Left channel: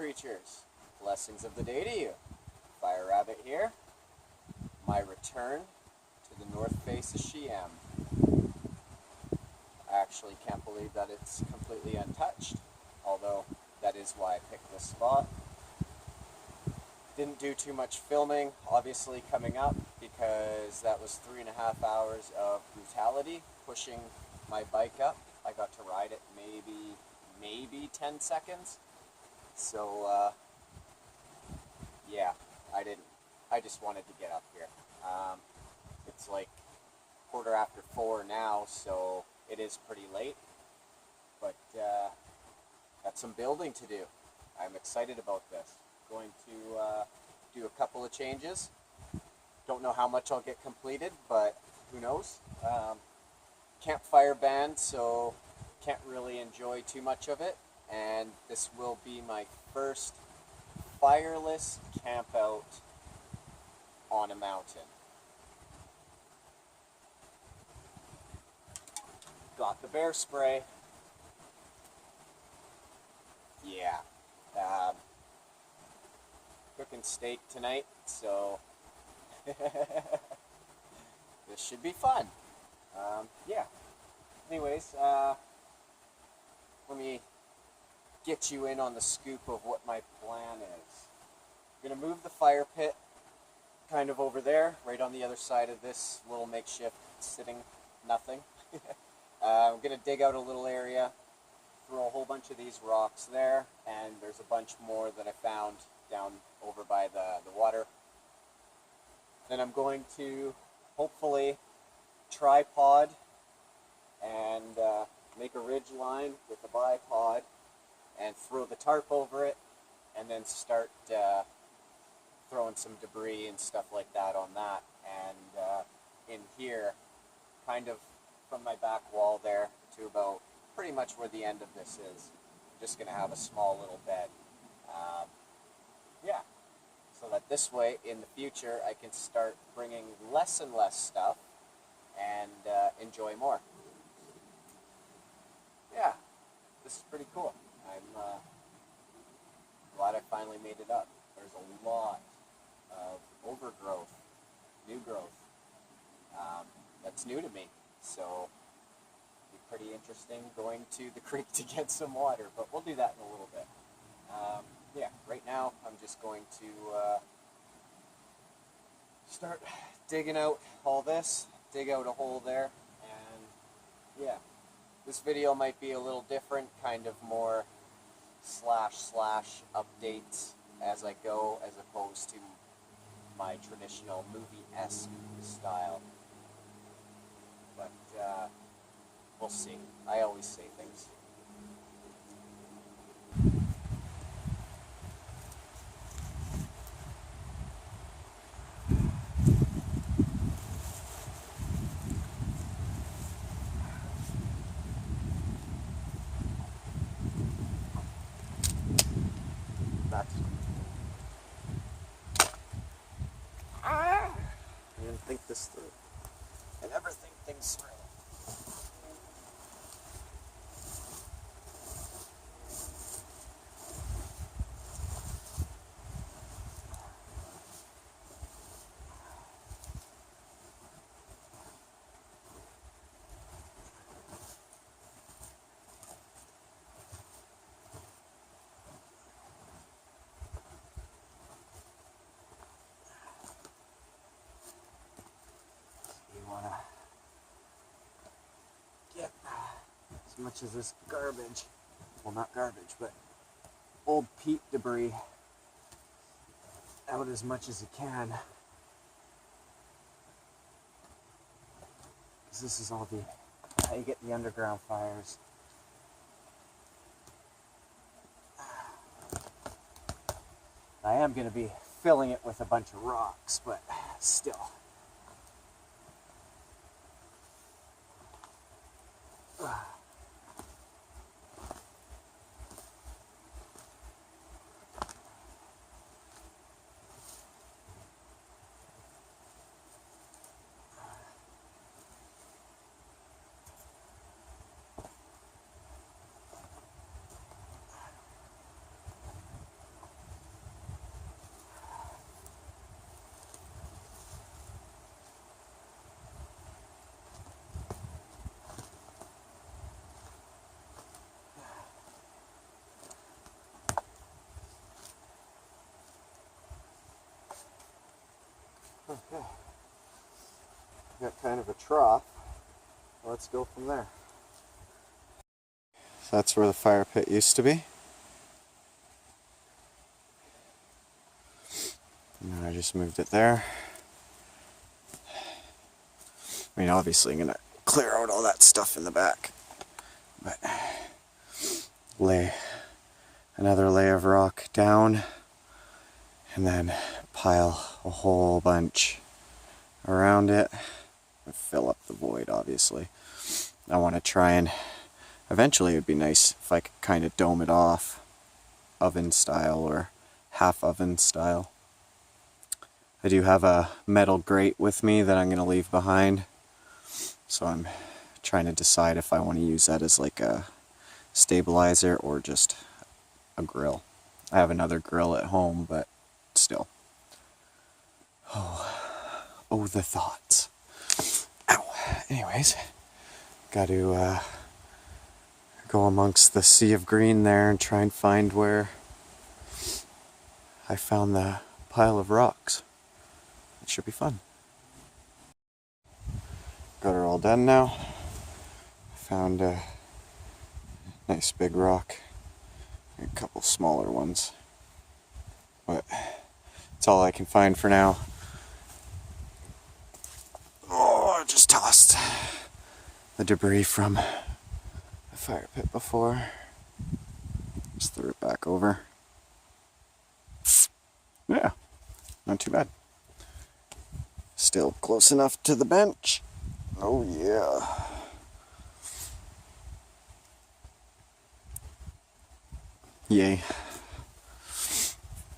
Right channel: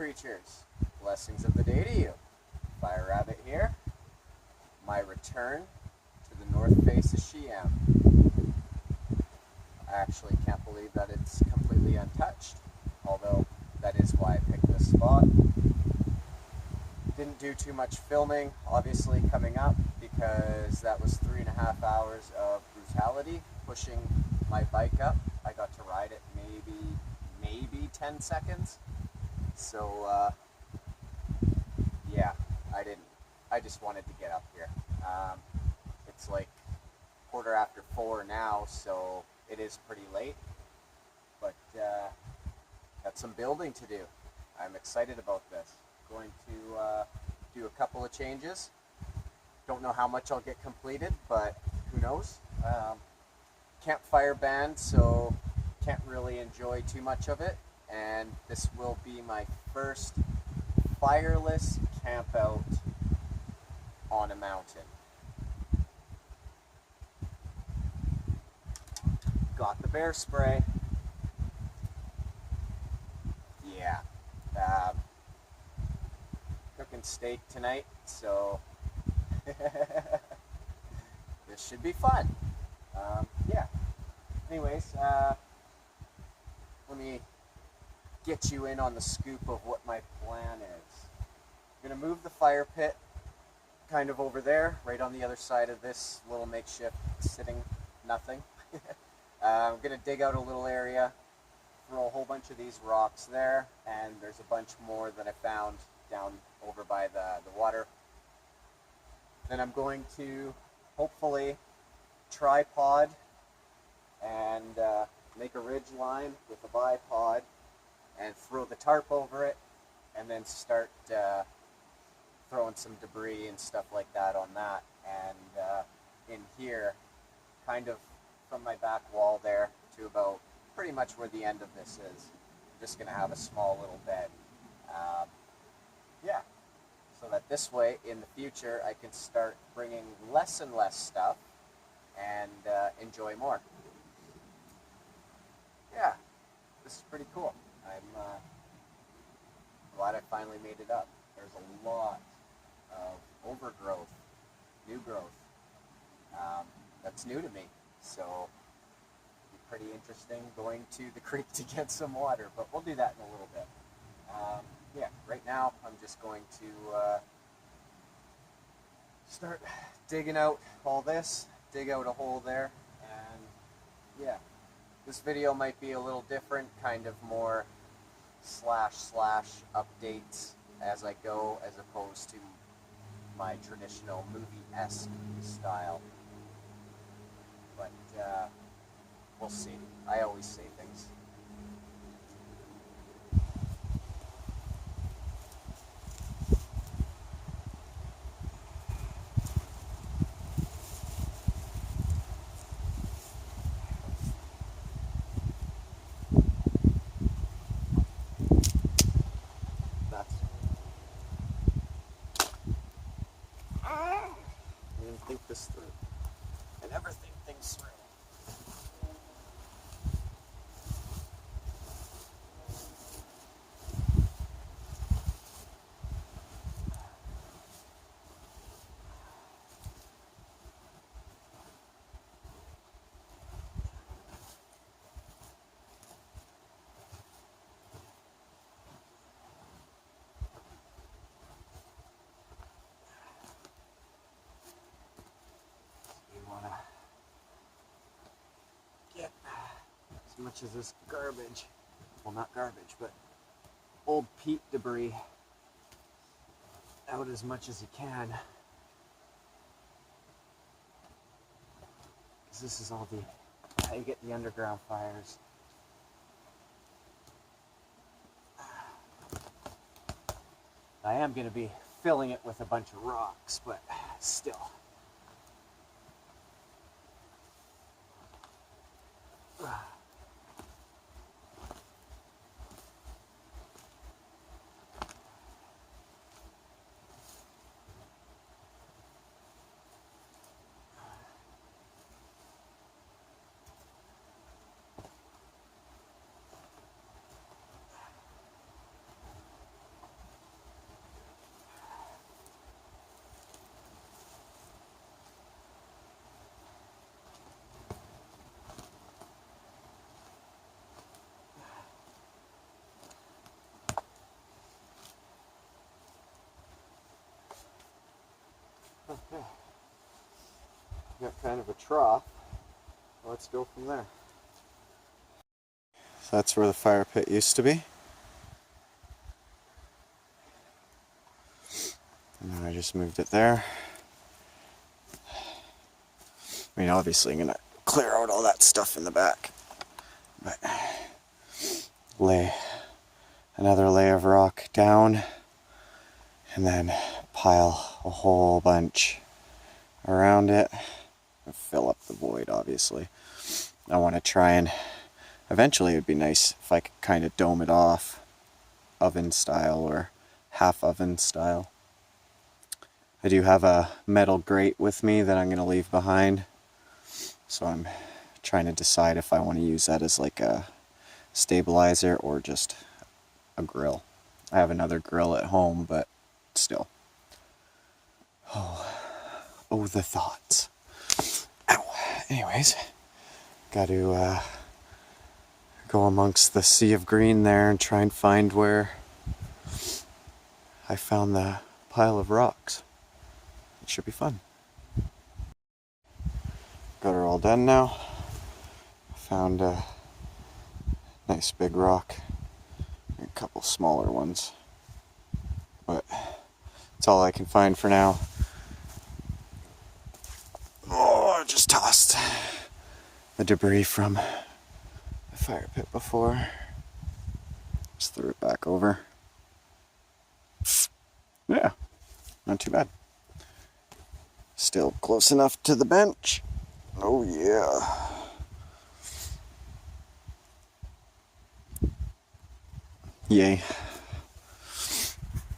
creatures, blessings of the day to you. Fire Rabbit here. My return to the north face of Sheem. I actually can't believe that it's completely untouched, although that is why I picked this spot. Didn't do too much filming, obviously, coming up, because that was 3.5 hours of brutality, pushing my bike up. I got to ride it maybe 10 seconds. So, yeah, I just wanted to get up here. It's like 4:15 now, so it is pretty late, but got some building to do. I'm excited about this. Going to do a couple of changes. Don't know how much I'll get completed, but who knows. Campfire band, so can't really enjoy too much of it, and this will be my first fireless campout on a mountain. Got the bear spray. Yeah. Cooking steak tonight, so this should be fun. Yeah. Anyways, let me get you in on the scoop of what my plan is. I'm going to move the fire pit kind of over there, right on the other side of this little makeshift sitting nothing. I'm going to dig out a little area, throw a whole bunch of these rocks there, and there's a bunch more that I found down over by the water. Then I'm going to hopefully tripod and make a ridge line with a bipod and throw the tarp over it, and then start throwing some debris and stuff like that on that. And in here, kind of from my back wall there to about pretty much where the end of this is, I'm just going to have a small little bed. Yeah, so that this way in the future I can start bringing less and less stuff and enjoy more. Yeah, this is pretty cool. I'm glad I finally made it up. There's a lot of overgrowth, new growth, that's new to me, so it'll be pretty interesting going to the creek to get some water, but we'll do that in a little bit. Yeah, right now I'm just going to start digging out all this, dig out a hole there, and yeah. This video might be a little different, kind of more slash updates as I go, as opposed to my traditional movie-esque style. But we'll see. I always say things. And think this through. I never think things through. Get as much of this garbage, well, not garbage, but old peat debris out as much as you can, because this is all how you get the underground fires. I am going to be filling it with a bunch of rocks, but still. got kind of a trough. Let's go from there. So that's where the fire pit used to be. And then I just moved it there. I mean, obviously I'm gonna clear out all that stuff in the back, but lay another layer of rock down and then pile a whole bunch around it and fill up the void. Obviously I want to try and eventually, it would be nice if I could kind of dome it off oven style or half oven style. I do have a metal grate with me that I'm going to leave behind, so I'm trying to decide if I want to use that as like a stabilizer or just a grill. I have another grill at home, but still. Oh, the thoughts. Ow. Anyways, got to go amongst the sea of green there and try and find where I found the pile of rocks. It should be fun. Got her all done now. Found a nice big rock and a couple smaller ones, but it's all I can find for now. Oh, I just tossed the debris from the fire pit before. Just threw it back over. Yeah, not too bad. Still close enough to the bench. Oh yeah. Yay.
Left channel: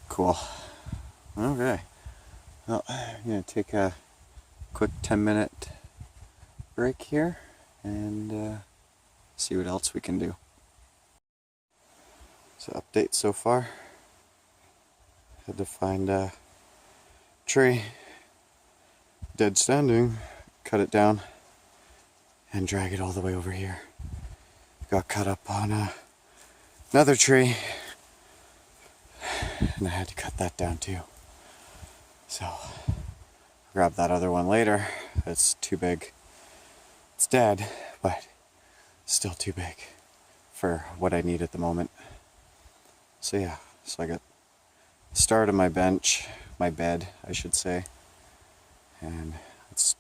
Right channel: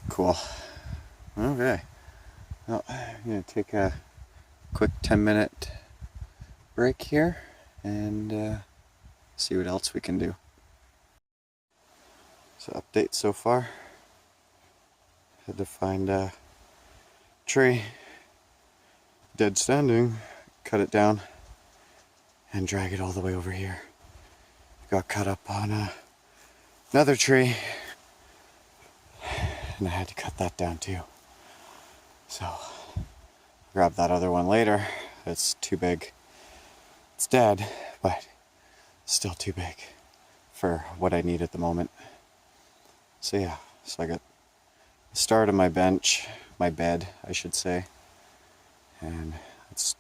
Cool. Okay. Well, I'm going to take a quick 10-minute break here and see what else we can do. So update so far. Had to find a tree, dead standing, cut it down and drag it all the way over here. Got cut up on another tree and I had to cut that down too. So I'll grab that other one later. It's too big. It's dead, but still too big for what I need at the moment. So yeah, so I got the start of my bench, my bed, I should say, and it's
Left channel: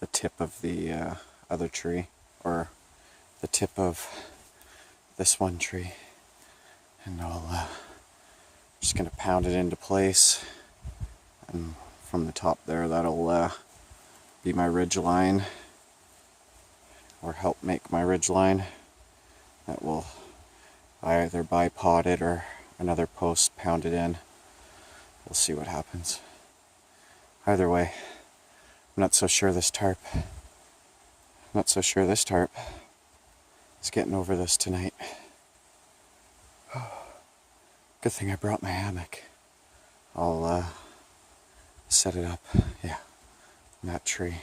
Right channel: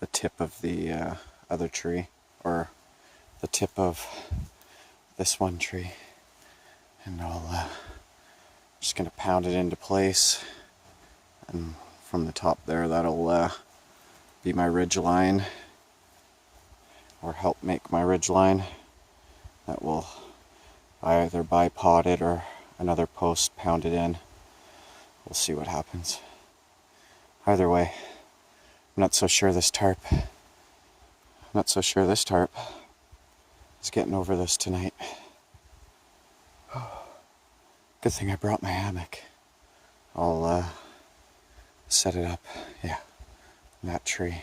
the tip of the other tree, or the tip of this one tree, and I'll just gonna pound it into place, and from the top there that'll be my ridge line, or help make my ridge line. That will either bipod it or another post pounded in. We'll see what happens. Either way, I'm not so sure this tarp is getting over this tonight. Good thing I brought my hammock. I'll set it up, yeah, from that tree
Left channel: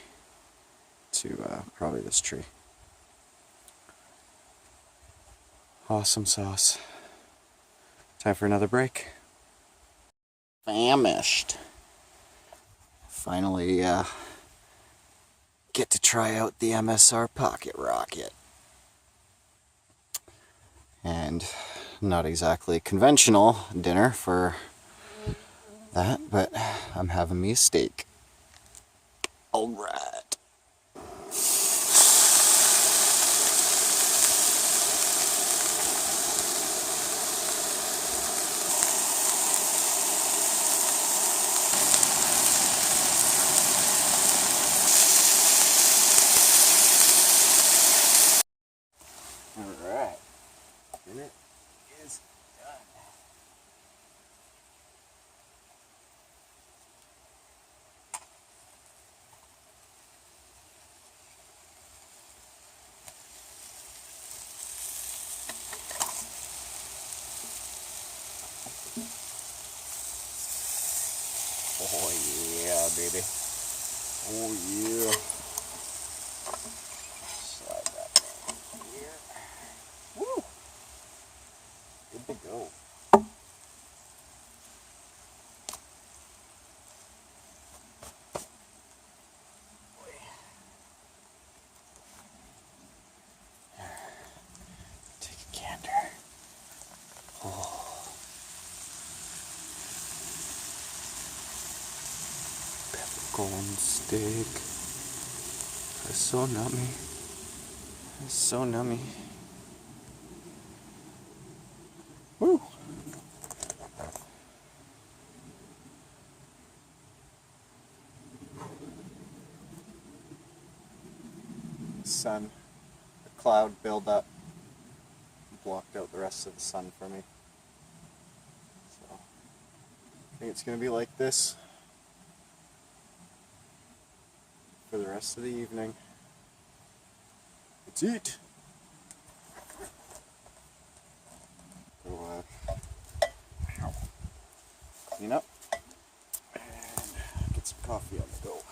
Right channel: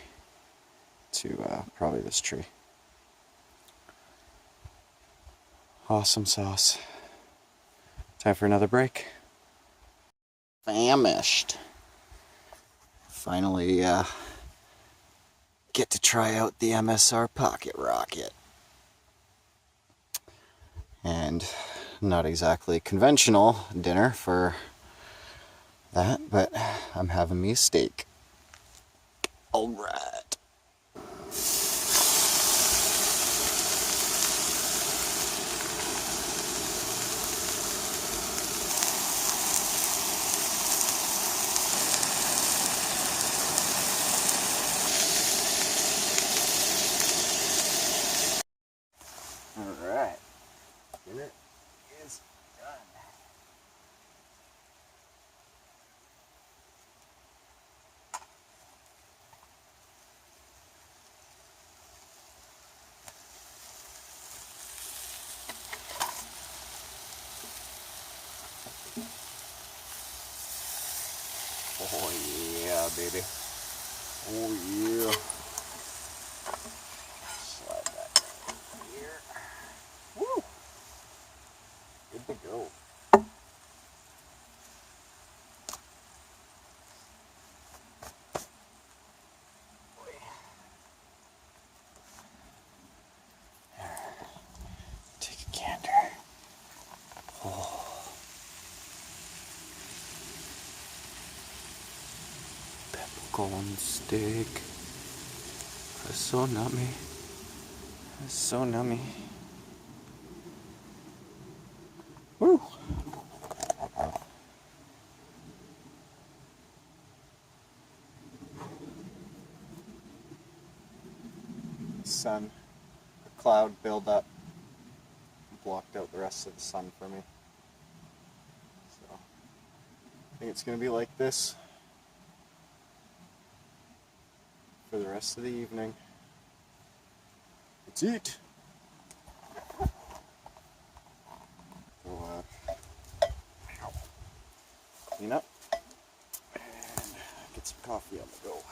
to probably this tree. Awesome sauce. Time for another break. Famished. Finally get to try out the MSR Pocket Rocket. And not exactly conventional dinner for that, but I'm having me a steak. Alright. Alright. Dinner is done. Oh yeah, baby. Oh yeah. Slide that down here. Woo! Good to go. Oh corn steak. It's so nummy. It's so nummy. Woo! Sun, a cloud build up, blocked out the rest of the sun for me. So I think it's going to be like this for the rest of the evening. Let's eat! So, clean up and get some coffee on the go.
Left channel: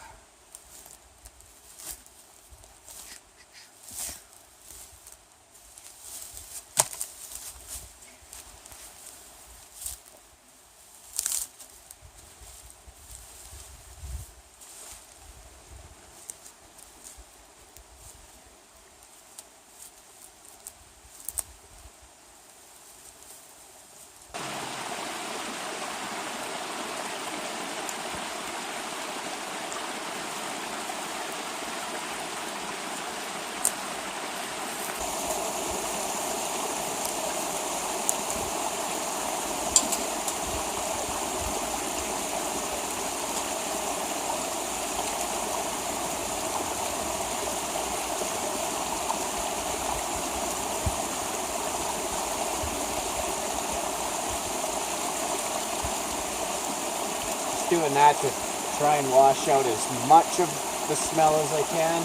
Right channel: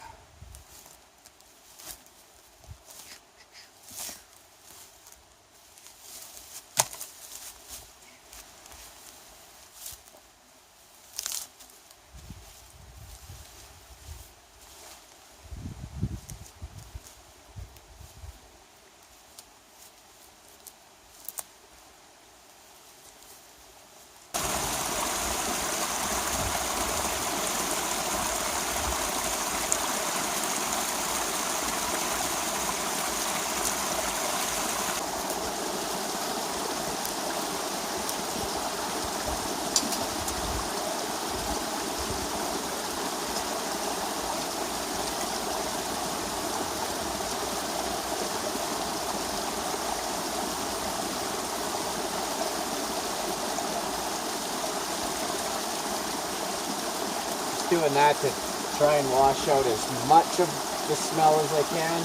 Doing that to try and wash out as much of the smell as I can.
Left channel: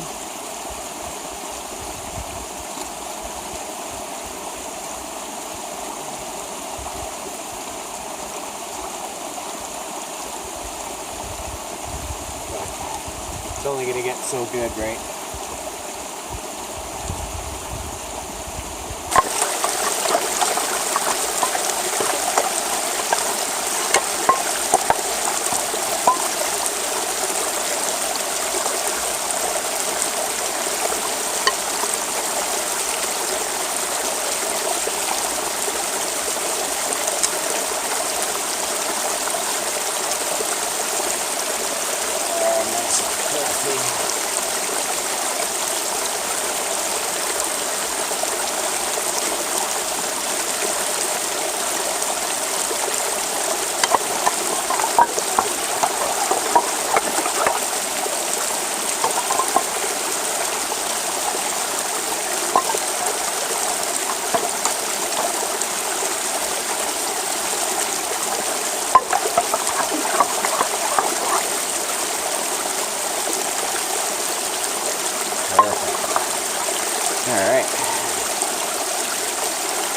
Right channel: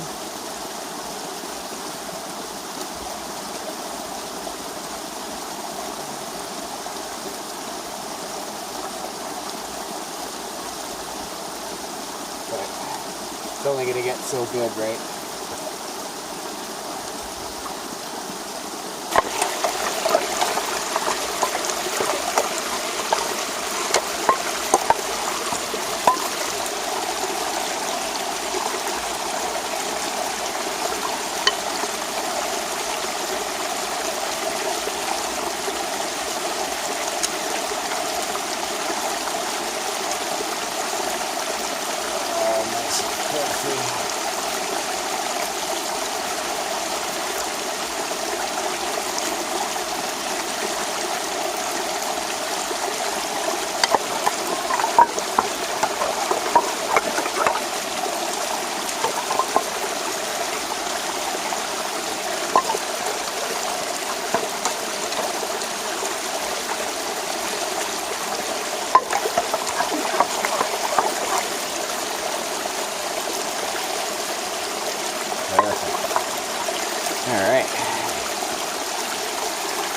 But it's only going to get so good, right? Alright,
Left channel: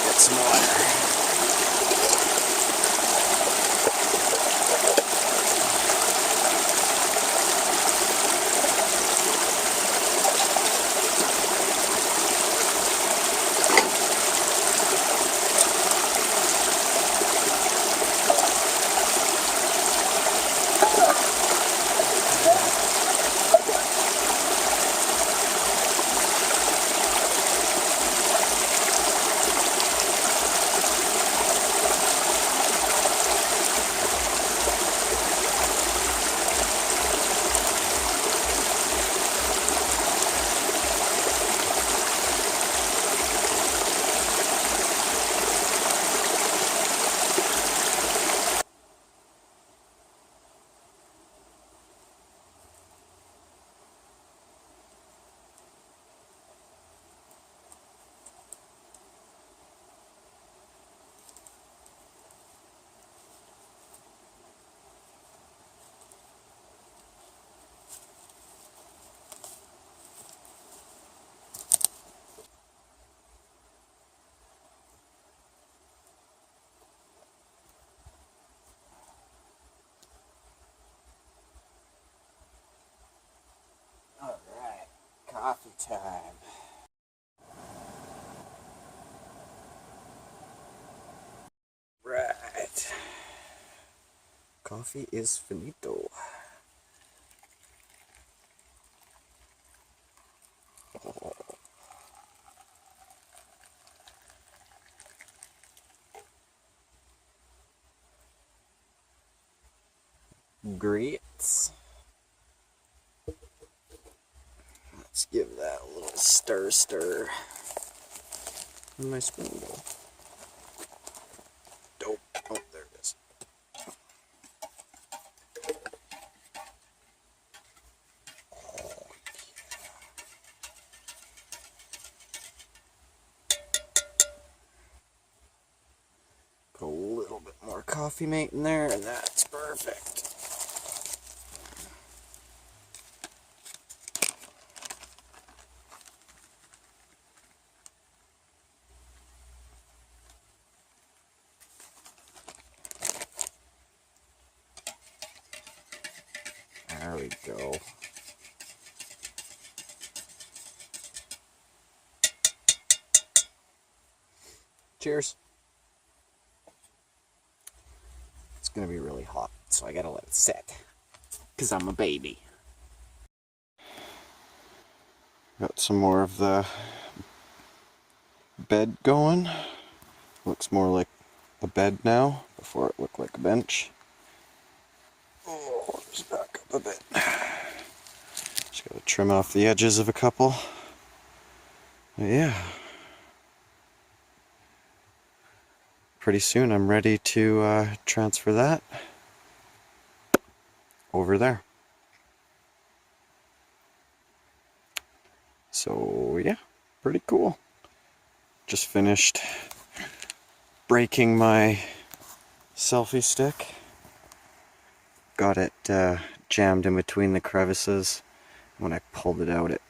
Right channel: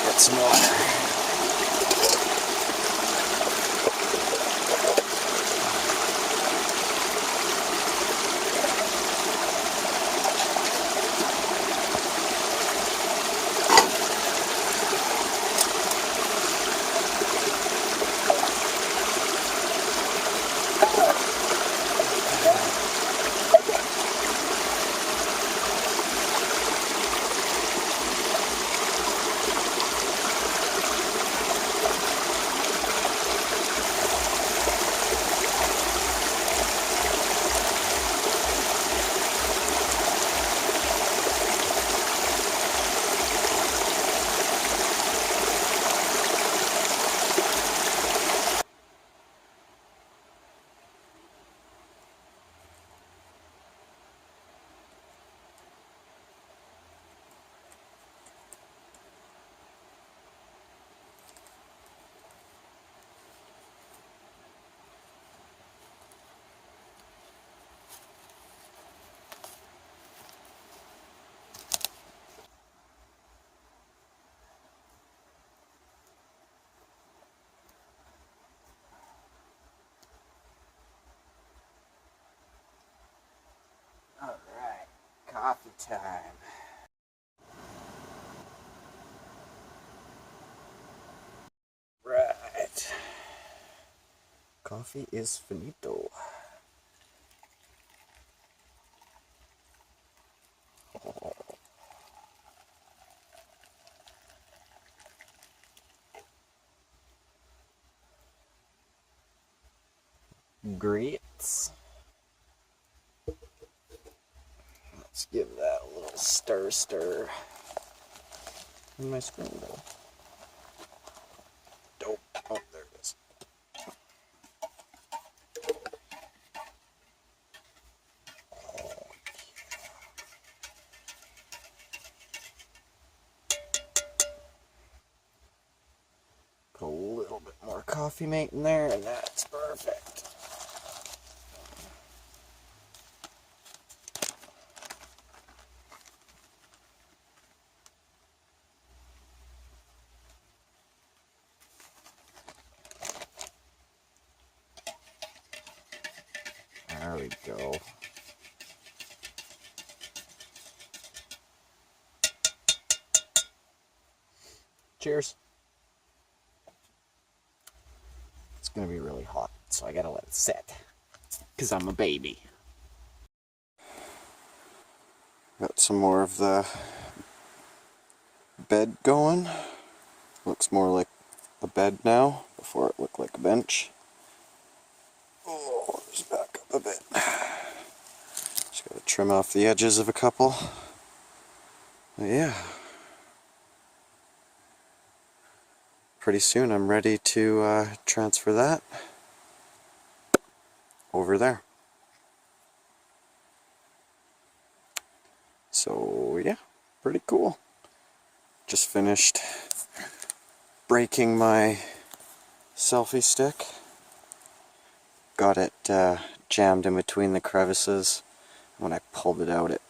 get some water. Alright, coffee time. Right. Coffee is finito. Oh. Grits. Let's give that a little stir in my spoon bowl. Dope. Oh, there it is. Put a little bit more coffee mate in there, and that's perfect. There we go. Cheers. It's gonna be really hot, so I gotta let it set, because I'm a baby. Got some more of the bed going. Looks more like a bed now, before it looked like a bench. Oh, just back up a bit. Just gotta trim off the edges of a couple. But yeah. Pretty soon I'm ready to transfer that over there. So yeah, pretty cool. Just finished breaking my selfie stick. Got it jammed in between the crevices. When I pulled it out, the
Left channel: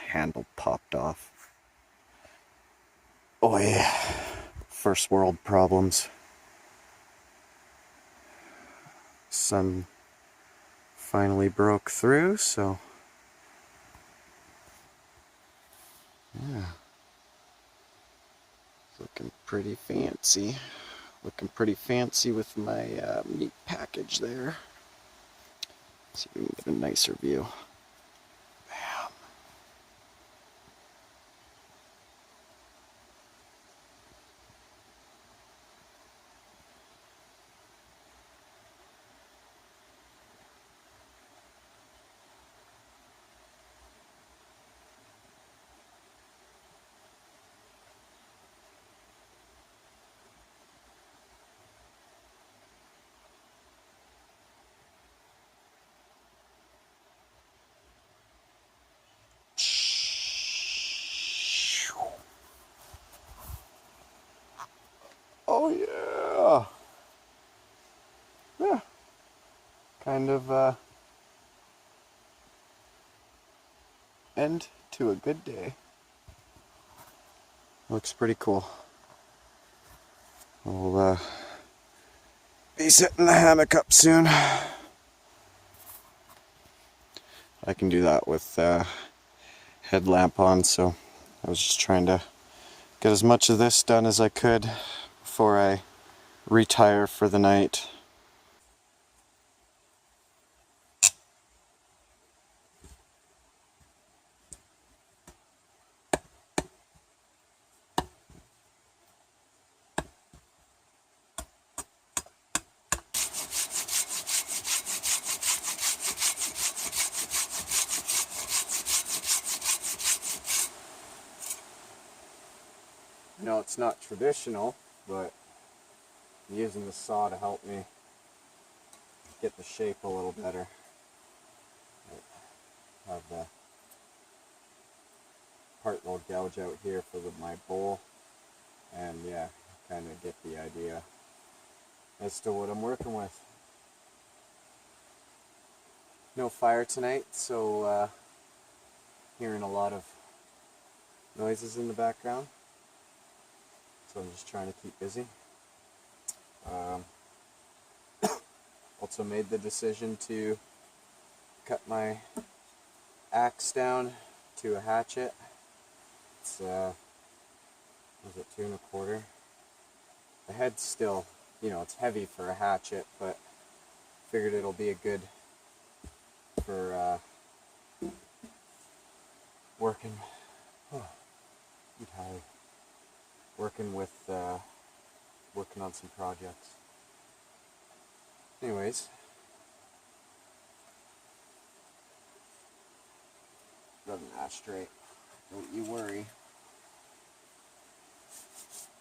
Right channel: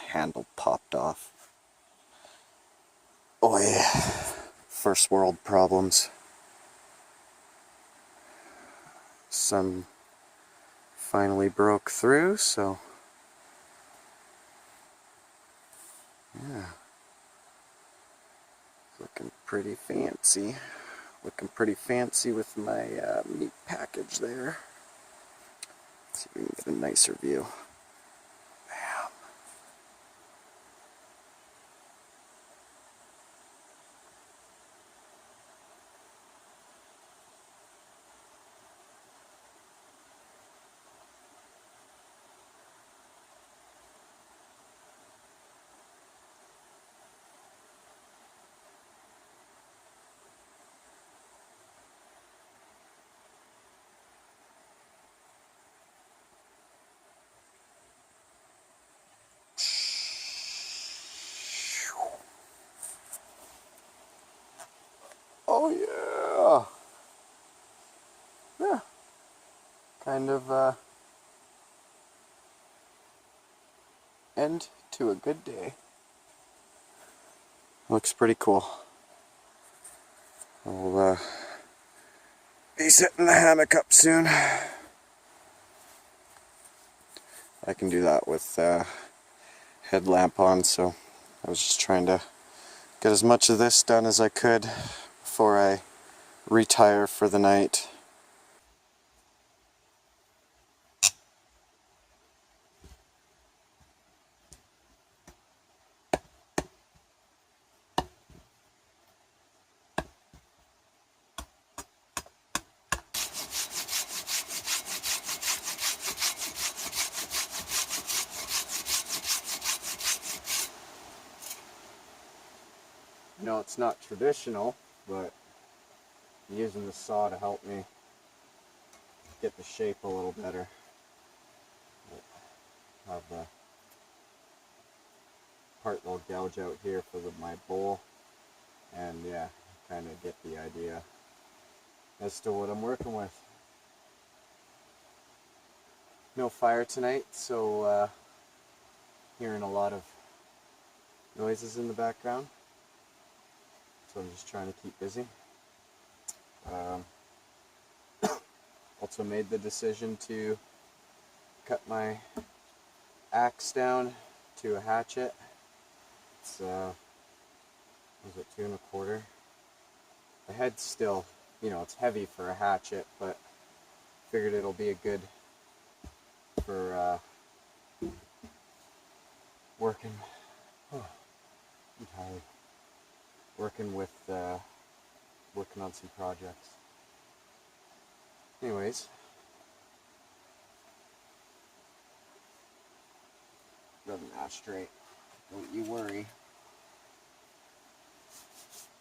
handle popped off. Oh yeah, first world problems. Sun finally broke through, so yeah. Looking pretty fancy. Looking pretty fancy with my meat package there. Let's see if we can get a nicer view. Bam. Oh yeah. Yeah. Kind of end to a good day. Looks pretty cool. I'll be setting the hammock up soon. I can do that with headlamp on, so I was just trying to get as much of this done as I could before I retire for the night. No, it's not traditional, but I'm using the saw to help me get the shape a little better. I have the part that'll gouge out here for my bowl, and yeah, kind of get the idea as to what I'm working with. No fire tonight, so hearing a lot of noises in the background. So I'm just trying to keep busy. Also made the decision to cut my axe down to a hatchet. It's was it 2 1/4? The head's still, you know, it's heavy for a hatchet, but figured it'll be a good for working. Oh, I'm tired. Working with working on some projects. Anyways, doesn't ash straight. Don't you worry.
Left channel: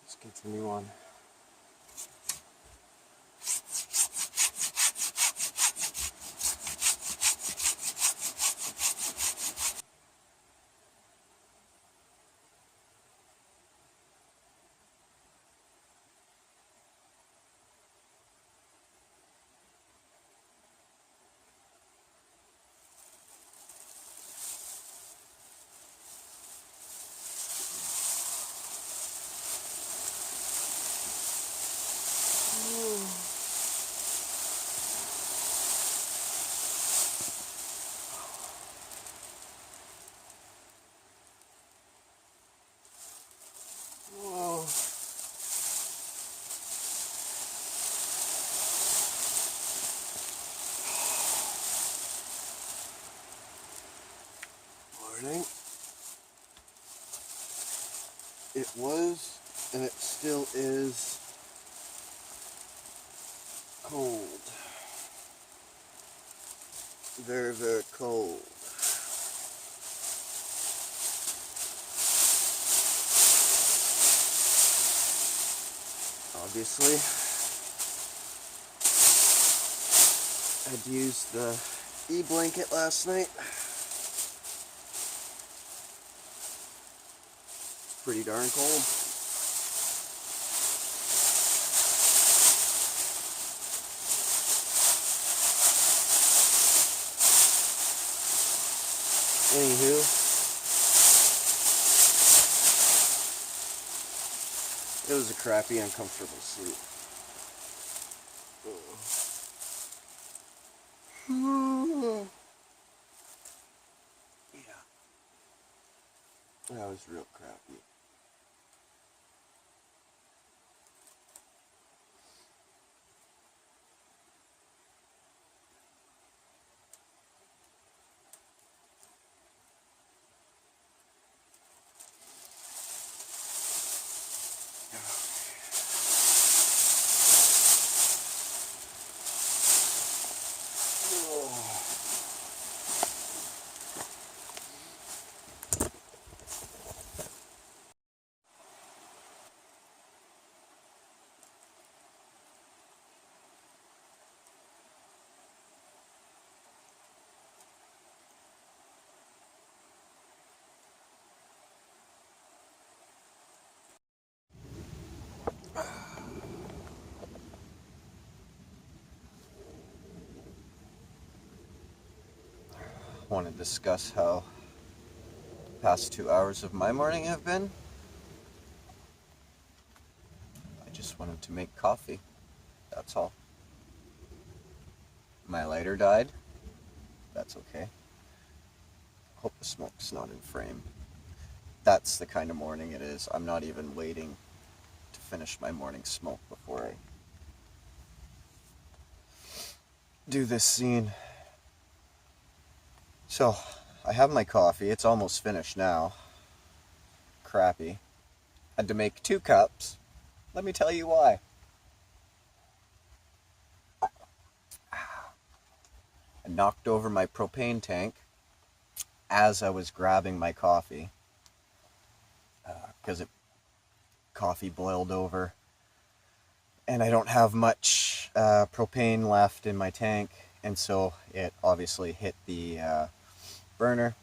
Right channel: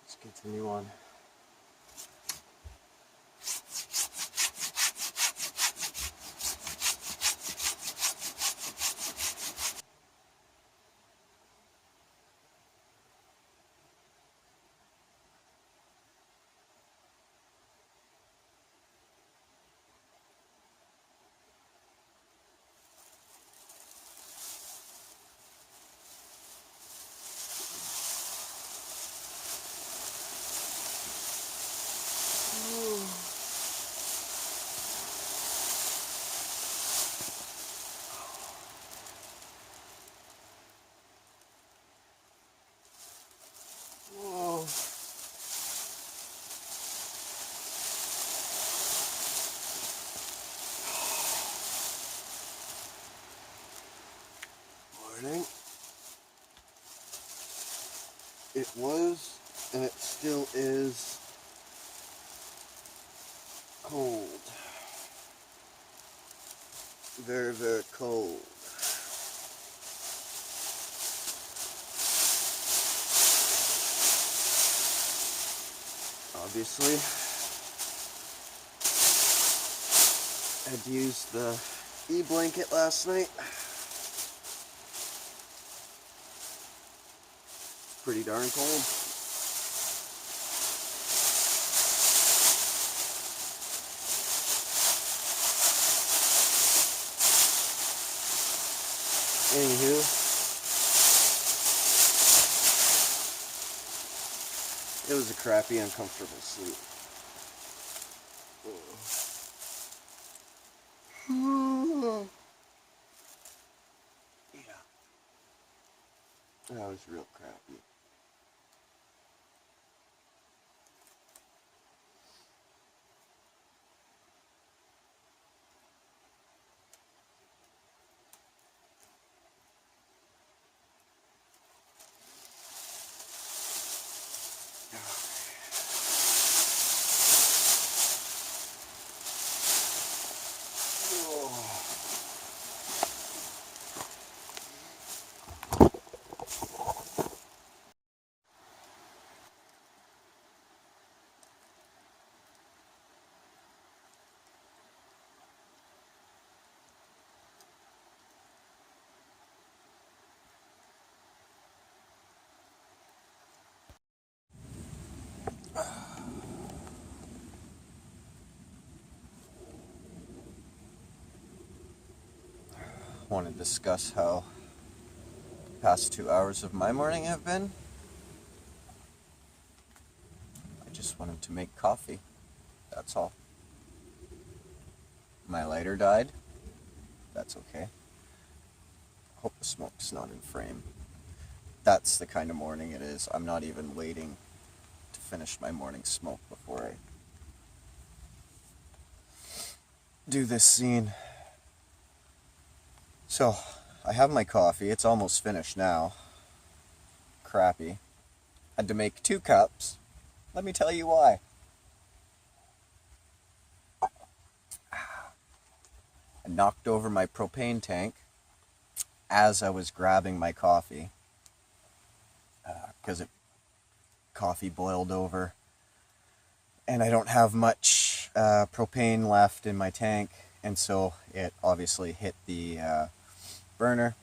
Let's continue on. Morning. It was, and it still is, cold. Very, very cold. Obviously, I'd used the e-blanket last night. Pretty darn cold. Anywho, it was a crappy, uncomfortable sleep. Yeah, that was real crappy. Want to discuss how the past 2 hours of my morning have been? I just wanted to make coffee. That's all. My lighter died. That's okay. Hope the smoke's not in frame. That's the kind of morning it is. I'm not even waiting to finish my morning smoke before I do this scene. So, I have my coffee. It's almost finished now. Crappy. Had to make 2 cups. Let me tell you why. I knocked over my propane tank as I was grabbing my coffee because coffee boiled over and I don't have much propane left in my tank, and so it obviously hit the burner,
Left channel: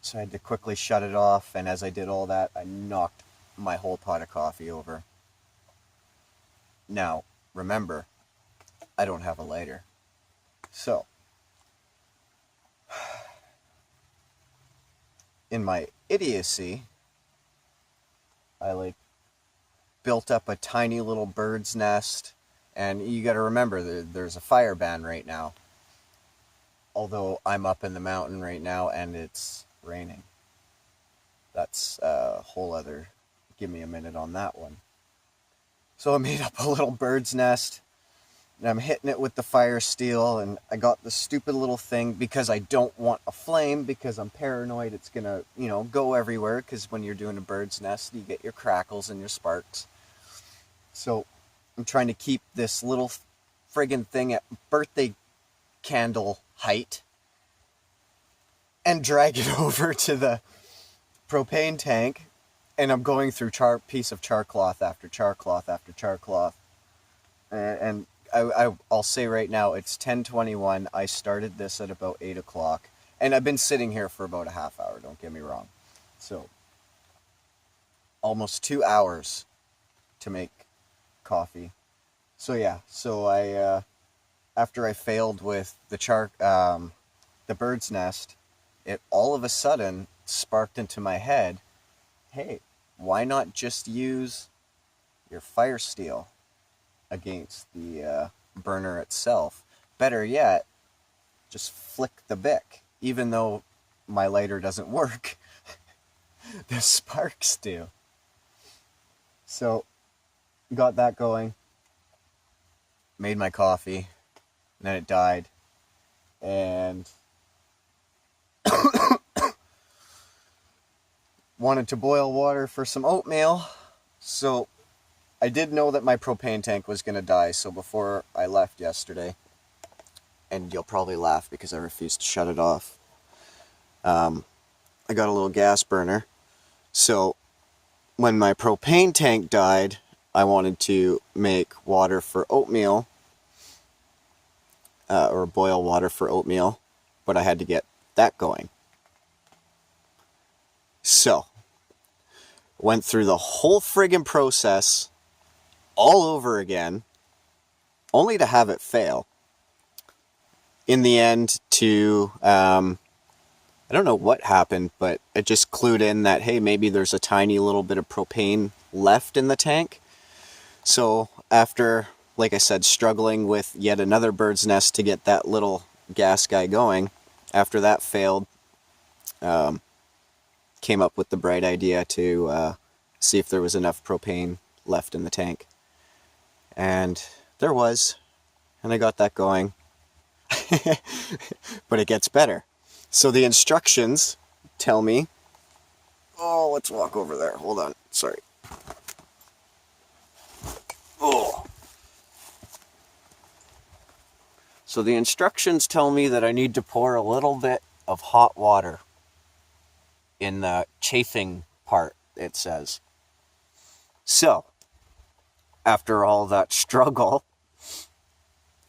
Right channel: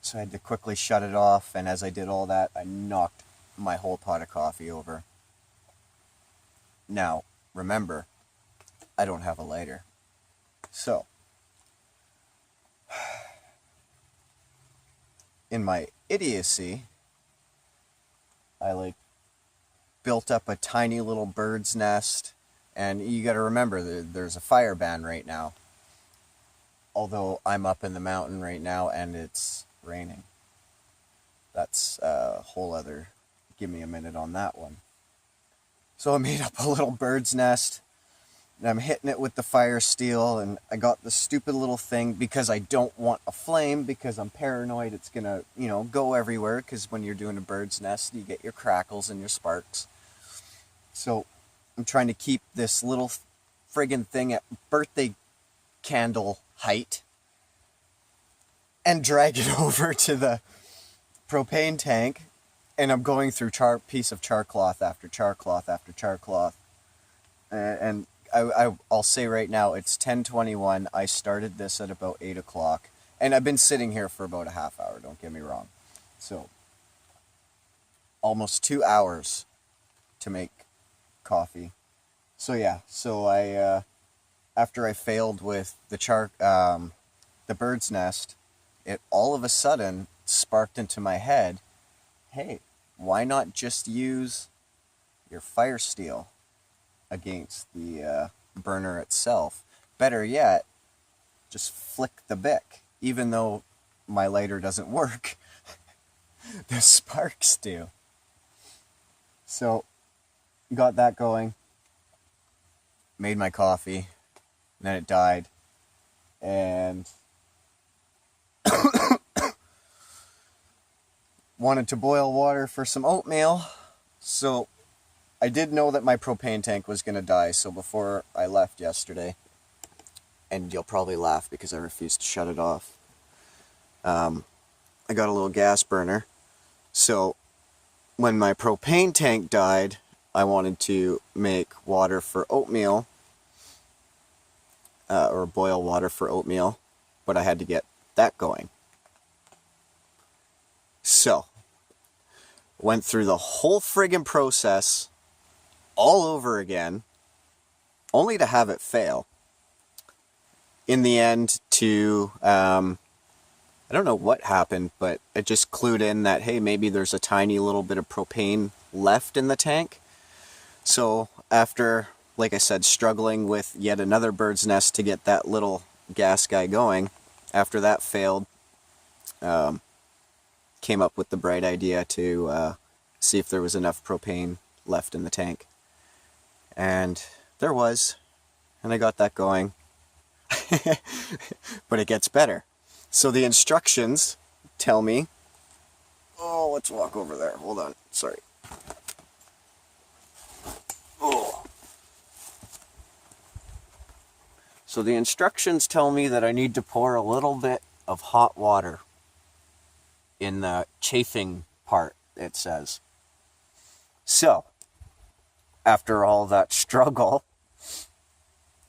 so I had to quickly shut it off, and as I did all that, I knocked my whole pot of coffee over. Now, remember, I don't have a lighter, so in my idiocy, I built up a tiny little bird's nest, and you got to remember there's a fire ban right now. Although I'm up in the mountain right now and it's raining. That's a whole other, give me a minute on that one. So I made up a little bird's nest, and I'm hitting it with the fire steel, and I got the stupid little thing because I don't want a flame, because I'm paranoid it's gonna, go everywhere, because when you're doing a bird's nest, you get your crackles and your sparks. So I'm trying to keep this little friggin' thing at birthday candle height, and drag it over to the propane tank, and I'm going through piece of char cloth after char cloth after char cloth. And I'll say right now, it's 10:21. I started this at about 8 o'clock. And I've been sitting here for about a half hour, don't get me wrong. So, almost 2 hours to make coffee. So yeah, I after I failed with the bird's nest, it all of a sudden sparked into my head, hey, why not just use your fire steel against the burner itself? Better yet, just flick the bick. Even though my lighter doesn't work, the sparks do. So, got that going, made my coffee, and then it died, and wanted to boil water for some oatmeal. So I did know that my propane tank was going to die, so before I left yesterday, and you'll probably laugh because I refused to shut it off, I got a little gas burner. So when my propane tank died, I wanted to make water for oatmeal, or boil water for oatmeal, but I had to get that going. So, went through the whole friggin' process all over again, only to have it fail. In the end, I don't know what happened, but it just clued in that, hey, maybe there's a tiny little bit of propane left in the tank. So after, like I said, struggling with yet another bird's nest to get that little gas guy going, after that failed, came up with the bright idea to see if there was enough propane left in the tank. And there was, and I got that going. But it gets better. So the instructions tell me, oh, let's walk over there. Hold on. Sorry. Oh. So the instructions tell me that I need to pour a little bit of hot water in the chafing part, it says. So, after all that struggle,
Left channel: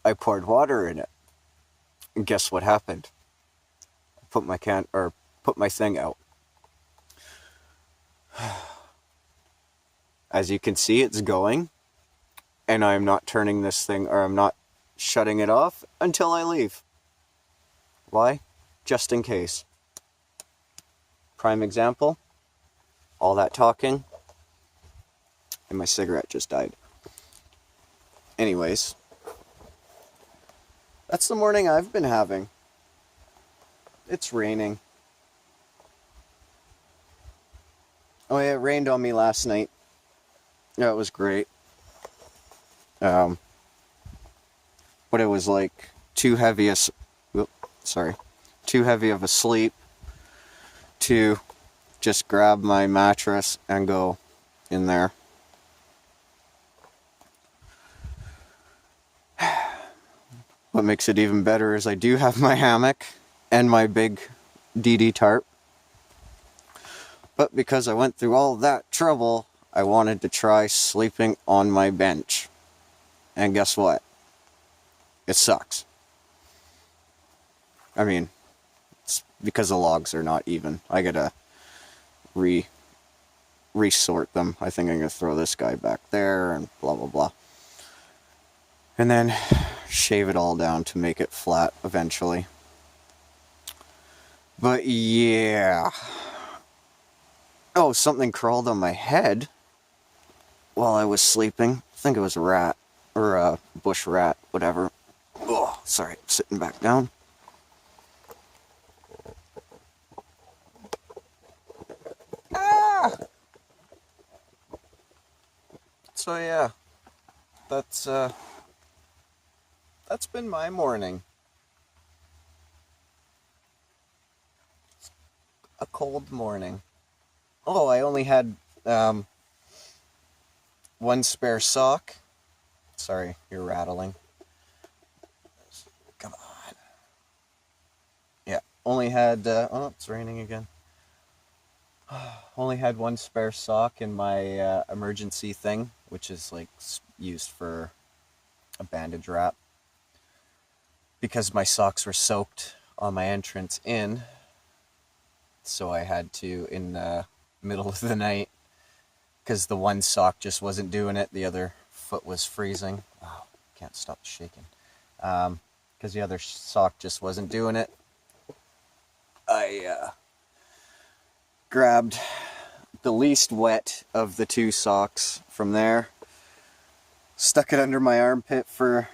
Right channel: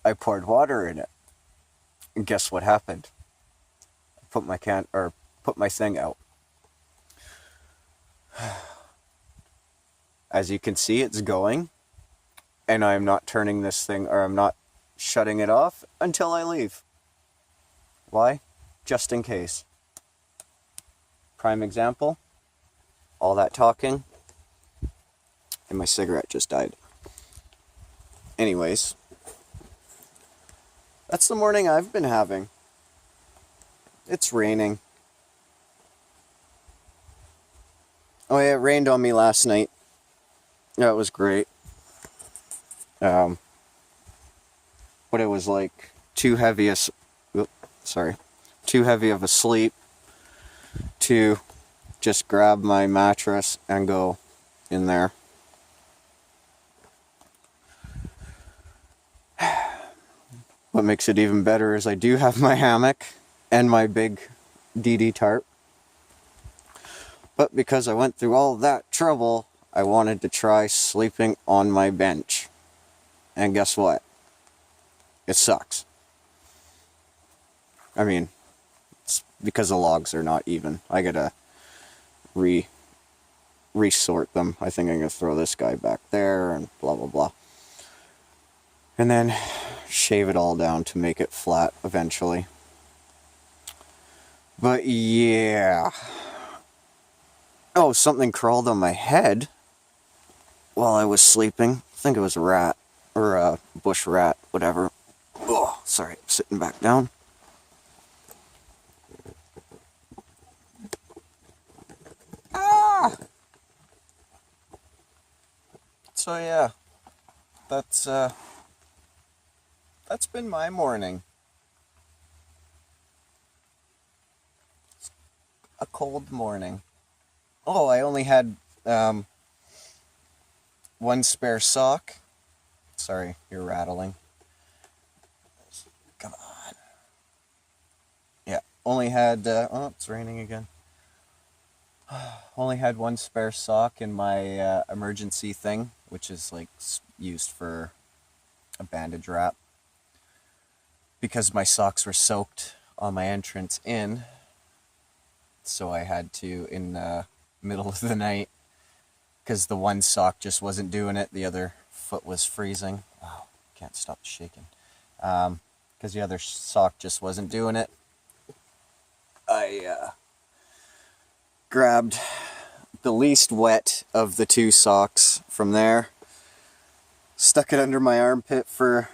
I poured water in it. And guess what happened? I put my thing out. As you can see, it's going, and I'm not turning this thing, or I'm not shutting it off until I leave. Why? Just in case. Prime example, all that talking, and my cigarette just died. Anyways, that's the morning I've been having. It's raining. Oh yeah, it rained on me last night. That was great. But it was like too heavy of a sleep to just grab my mattress and go in there. What makes it even better is I do have my hammock and my big DD tarp. But because I went through all that trouble, I wanted to try sleeping on my bench. And guess what? It sucks. I mean, it's because the logs are not even. I gotta resort them. I think I'm gonna throw this guy back there and blah blah blah. And then shave it all down to make it flat eventually. But yeah. Oh, something crawled on my head while I was sleeping. I think it was a rat, or a bush rat, whatever. Oh, sorry, I'm sitting back down. Ah! So yeah, that's been my morning. A cold morning. Oh, I only had one spare sock. Sorry, you're rattling. Come on. Yeah, only had, oh, it's raining again. Only had one spare sock in my emergency thing, which is like used for a bandage wrap. Because my socks were soaked on my entrance in, so I had to, in the middle of the night, because the one sock just wasn't doing it, the other foot was freezing. Wow, can't stop shaking. Because the other sock just wasn't doing it, I grabbed the least wet of the two socks from there, stuck it under my armpit for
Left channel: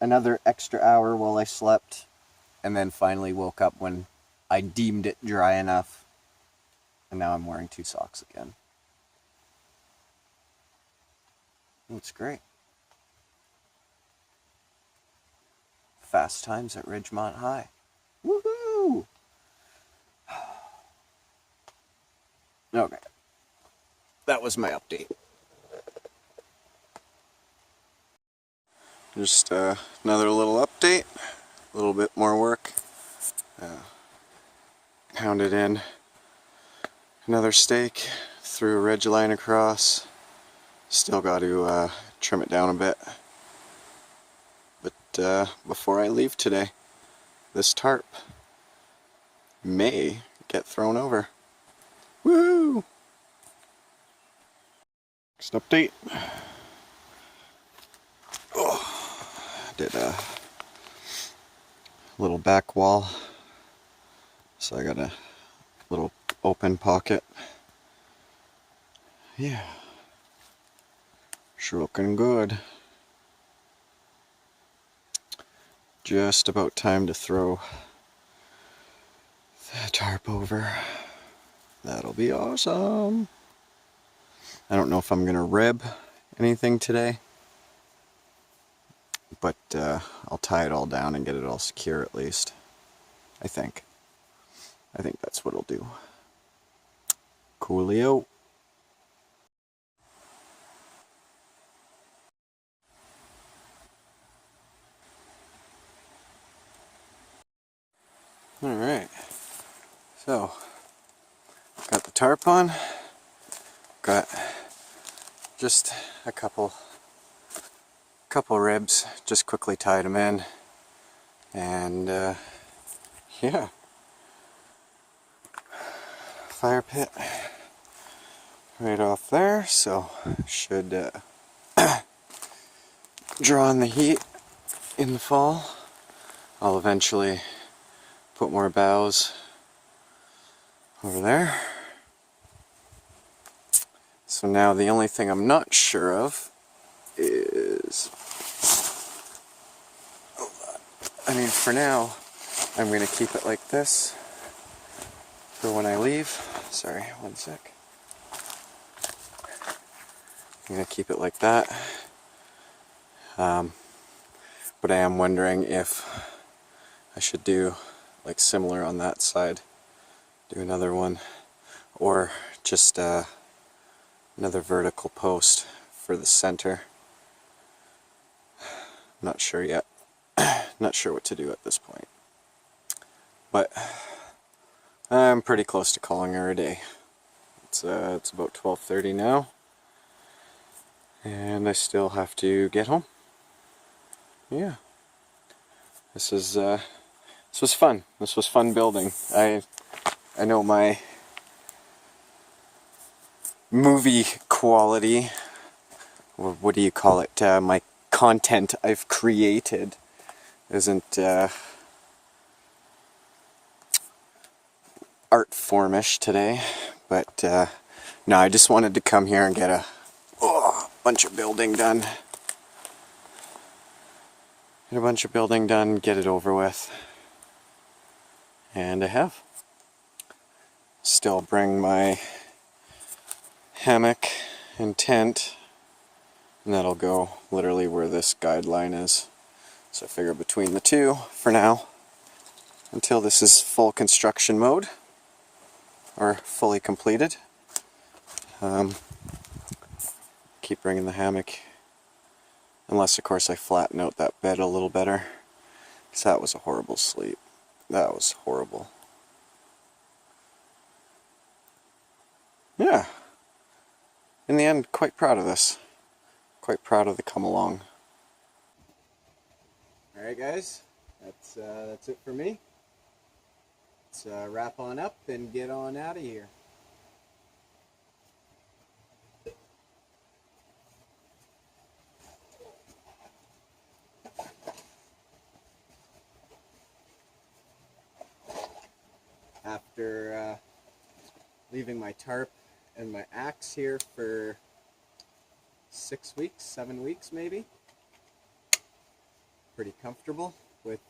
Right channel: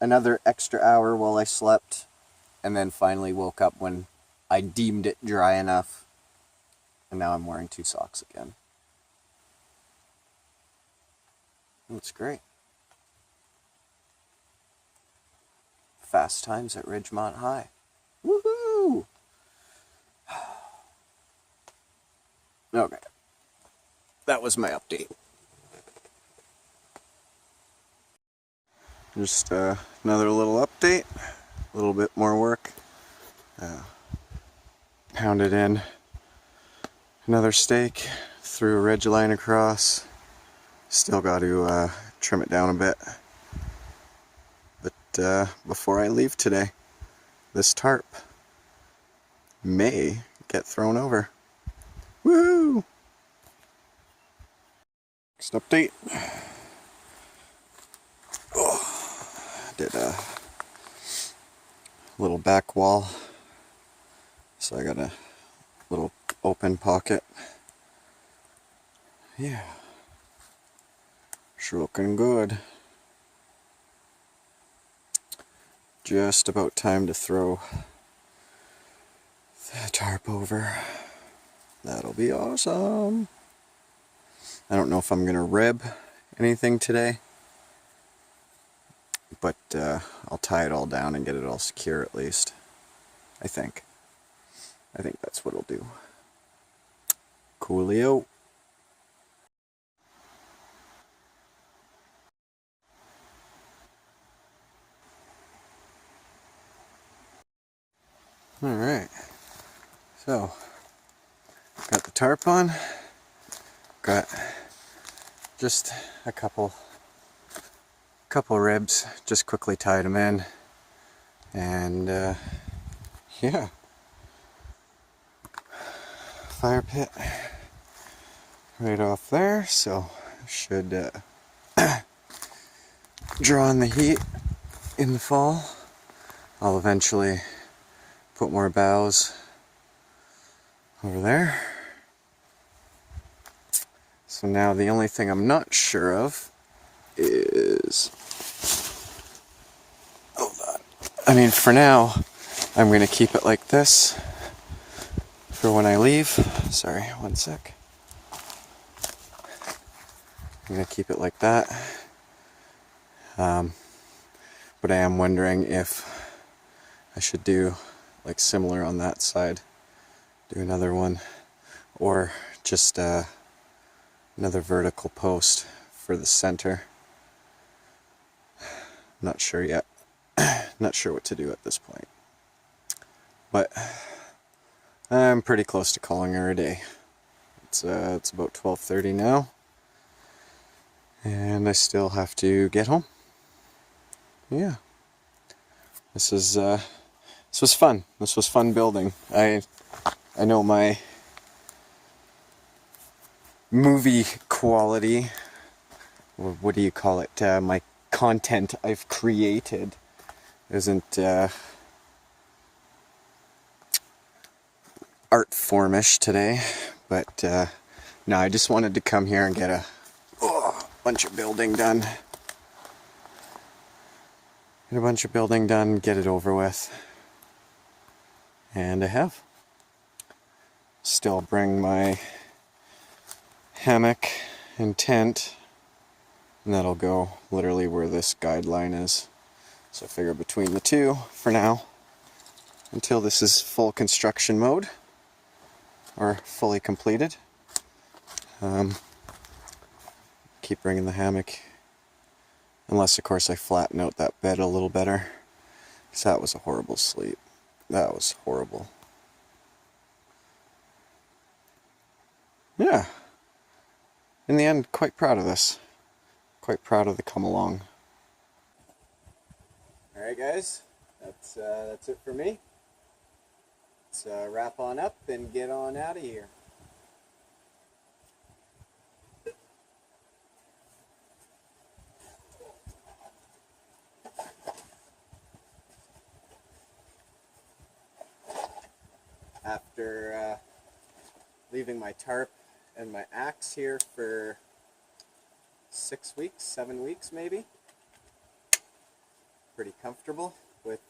another extra hour while I slept, and then finally woke up when I deemed it dry enough, and now I'm wearing two socks again. It's great. Fast times at Ridgemont High. Woohoo! Okay. That was my update. Just another little update. A little bit more work. Pounded in another stake, threw a ridge line across. Still got to trim it down a bit. But before I leave today, this tarp may get thrown over. Woo! Next update. Oh, did a little back wall. So I got a little open pocket. Yeah. Sure looking good. Just about time to throw the tarp over. That'll be awesome. I don't know if I'm gonna rib anything today, but I'll tie it all down and get it all secure at least. I think that's what I'll do. Coolio. Alright, so got the tarp on, got just a couple ribs, just quickly tied them in, and yeah, fire pit right off there, so should draw on the heat in the fall. I'll eventually put more boughs over there. So now the only thing I'm not sure of is, I mean, for now I'm going to keep it like this for when I leave. Sorry, one sec. I'm going to keep it like that. But I am wondering if I should do like similar on that side, do another one, or just another vertical post for the center. Not sure yet. Not sure what to do at this point. But I'm pretty close to calling her a day. It's about 12:30 now, and I still have to get home. Yeah, this was fun. This was fun building. I know my movie quality, or what do you call it? My content I've created isn't art formish today, but no, I just wanted to come here and get a bunch of building done. Get a bunch of building done, get it over with. And I have. Still bring my hammock and tent, and that'll go literally where this guideline is. So I figure between the two for now, until this is full construction mode, or fully completed. Keep bringing the hammock, unless of course I flatten out that bed a little better, because that was a horrible sleep. That was horrible. yeah, in the end, quite proud of this. Quite proud of the come along. All right, guys, that's it for me. Let's wrap on up and get on out of here. After leaving my tarp and my axe here for 6 weeks, 7 weeks maybe. Pretty comfortable with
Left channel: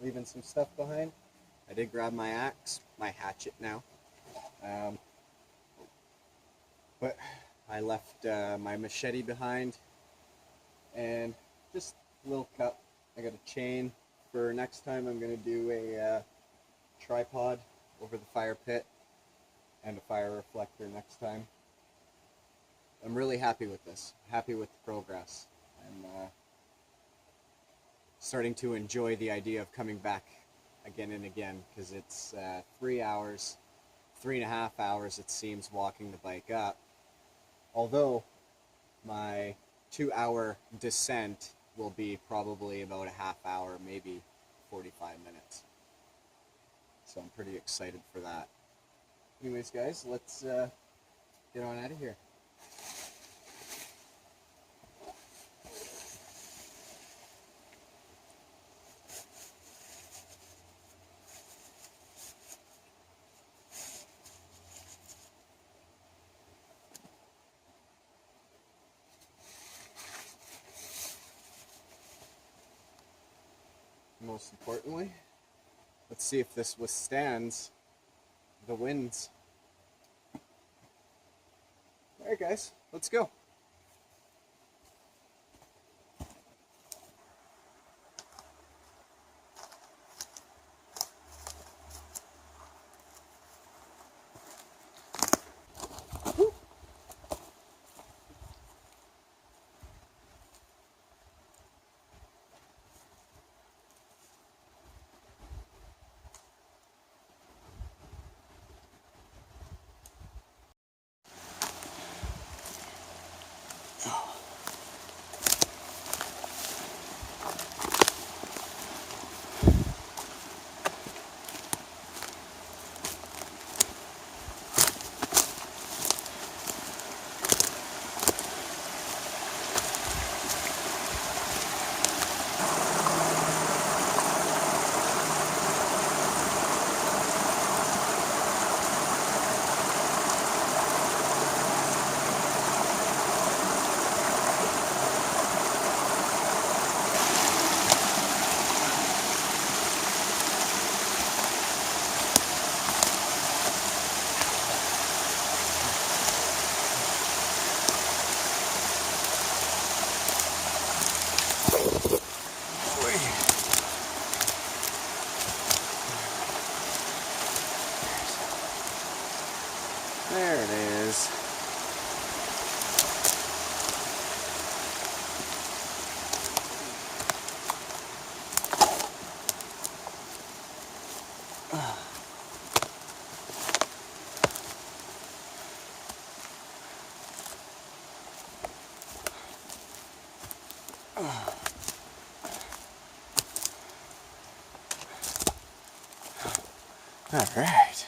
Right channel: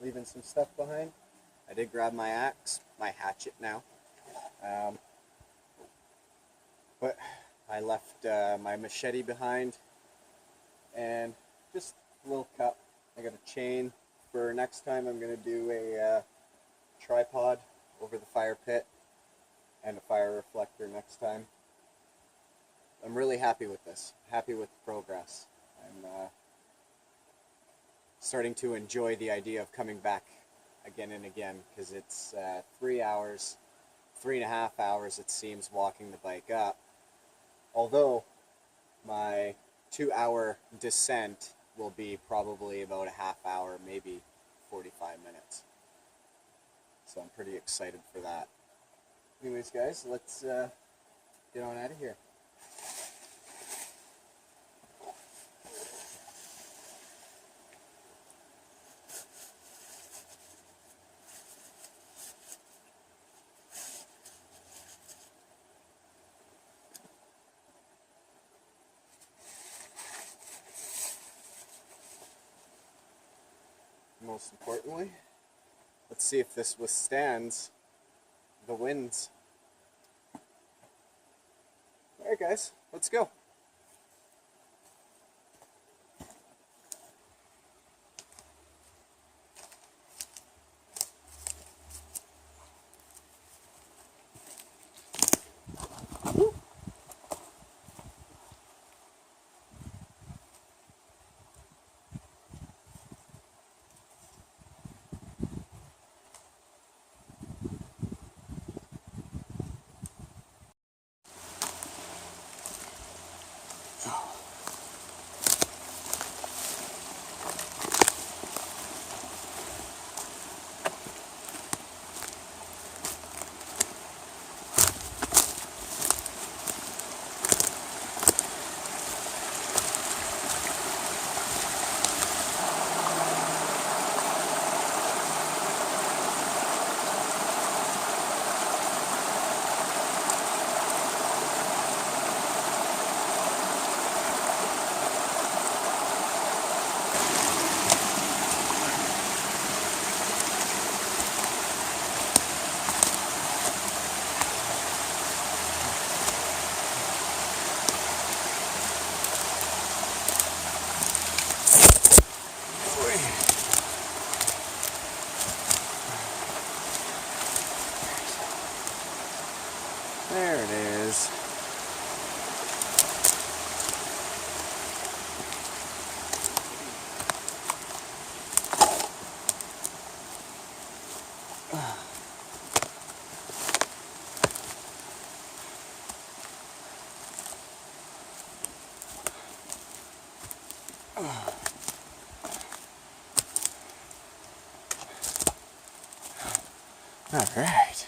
leaving some stuff behind. I did grab my axe, my hatchet now. But I left my machete behind and just a little cup. I got a chain for next time. I'm going to do a tripod over the fire pit and a fire reflector next time. I'm really happy with this. Happy with the progress. I'm starting to enjoy the idea of coming back again and again, because it's 3 hours, 3.5 hours it seems, walking the bike up. Although my 2-hour descent will be probably about a half hour, maybe 45 minutes. So I'm pretty excited for that. Anyways, guys, let's get on out of here. Most importantly, let's see if this withstands the winds. All right, guys, let's go. There it is. All right.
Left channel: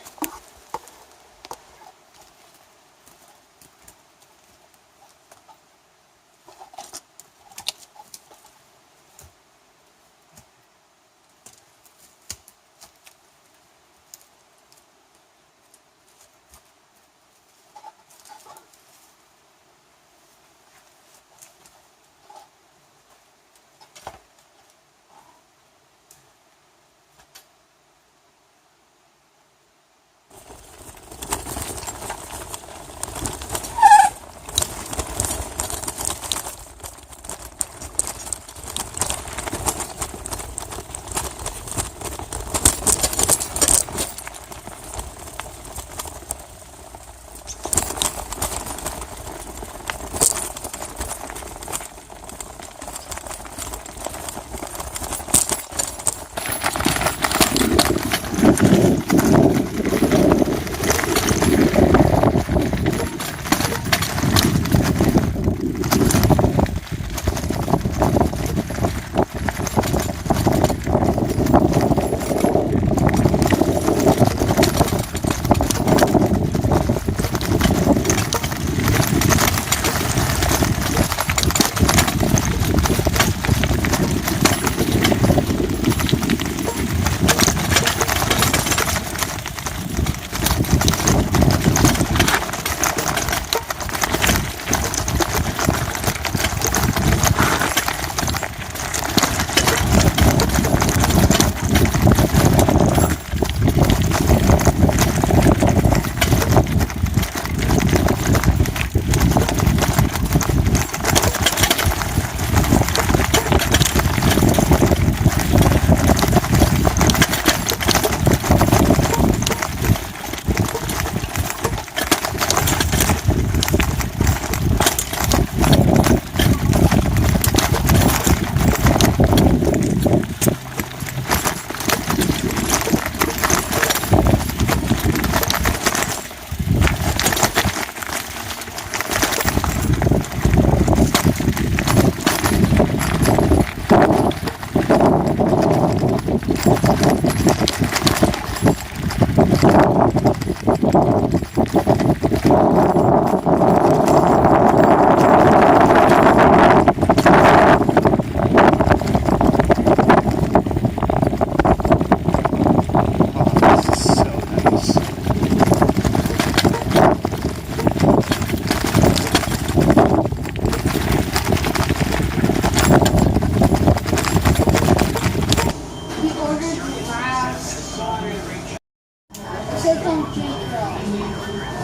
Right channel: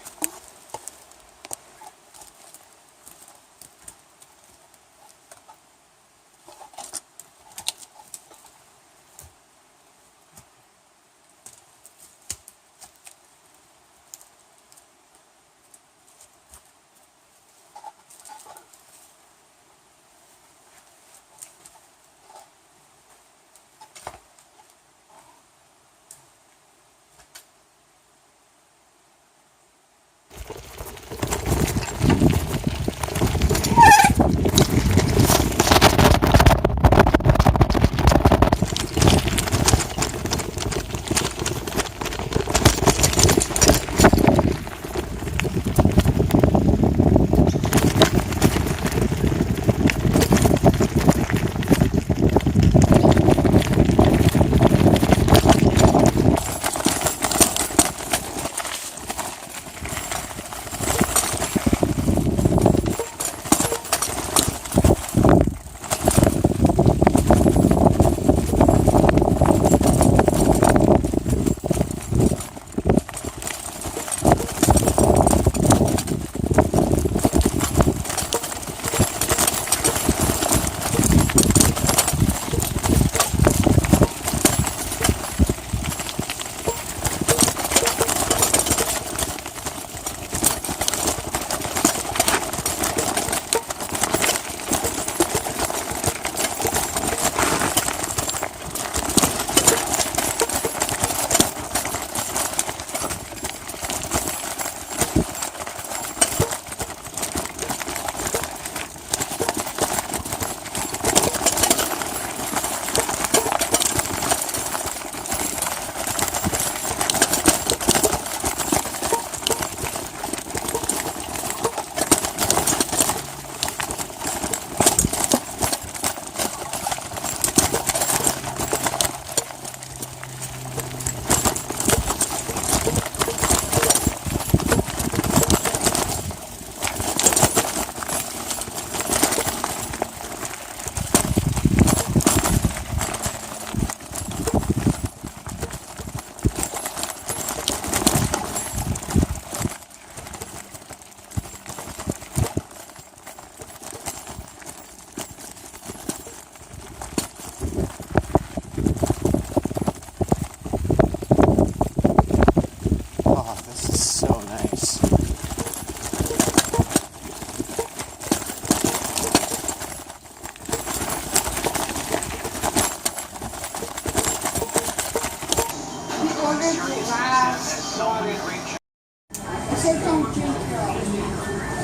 Ordered 5. Chicken tikka.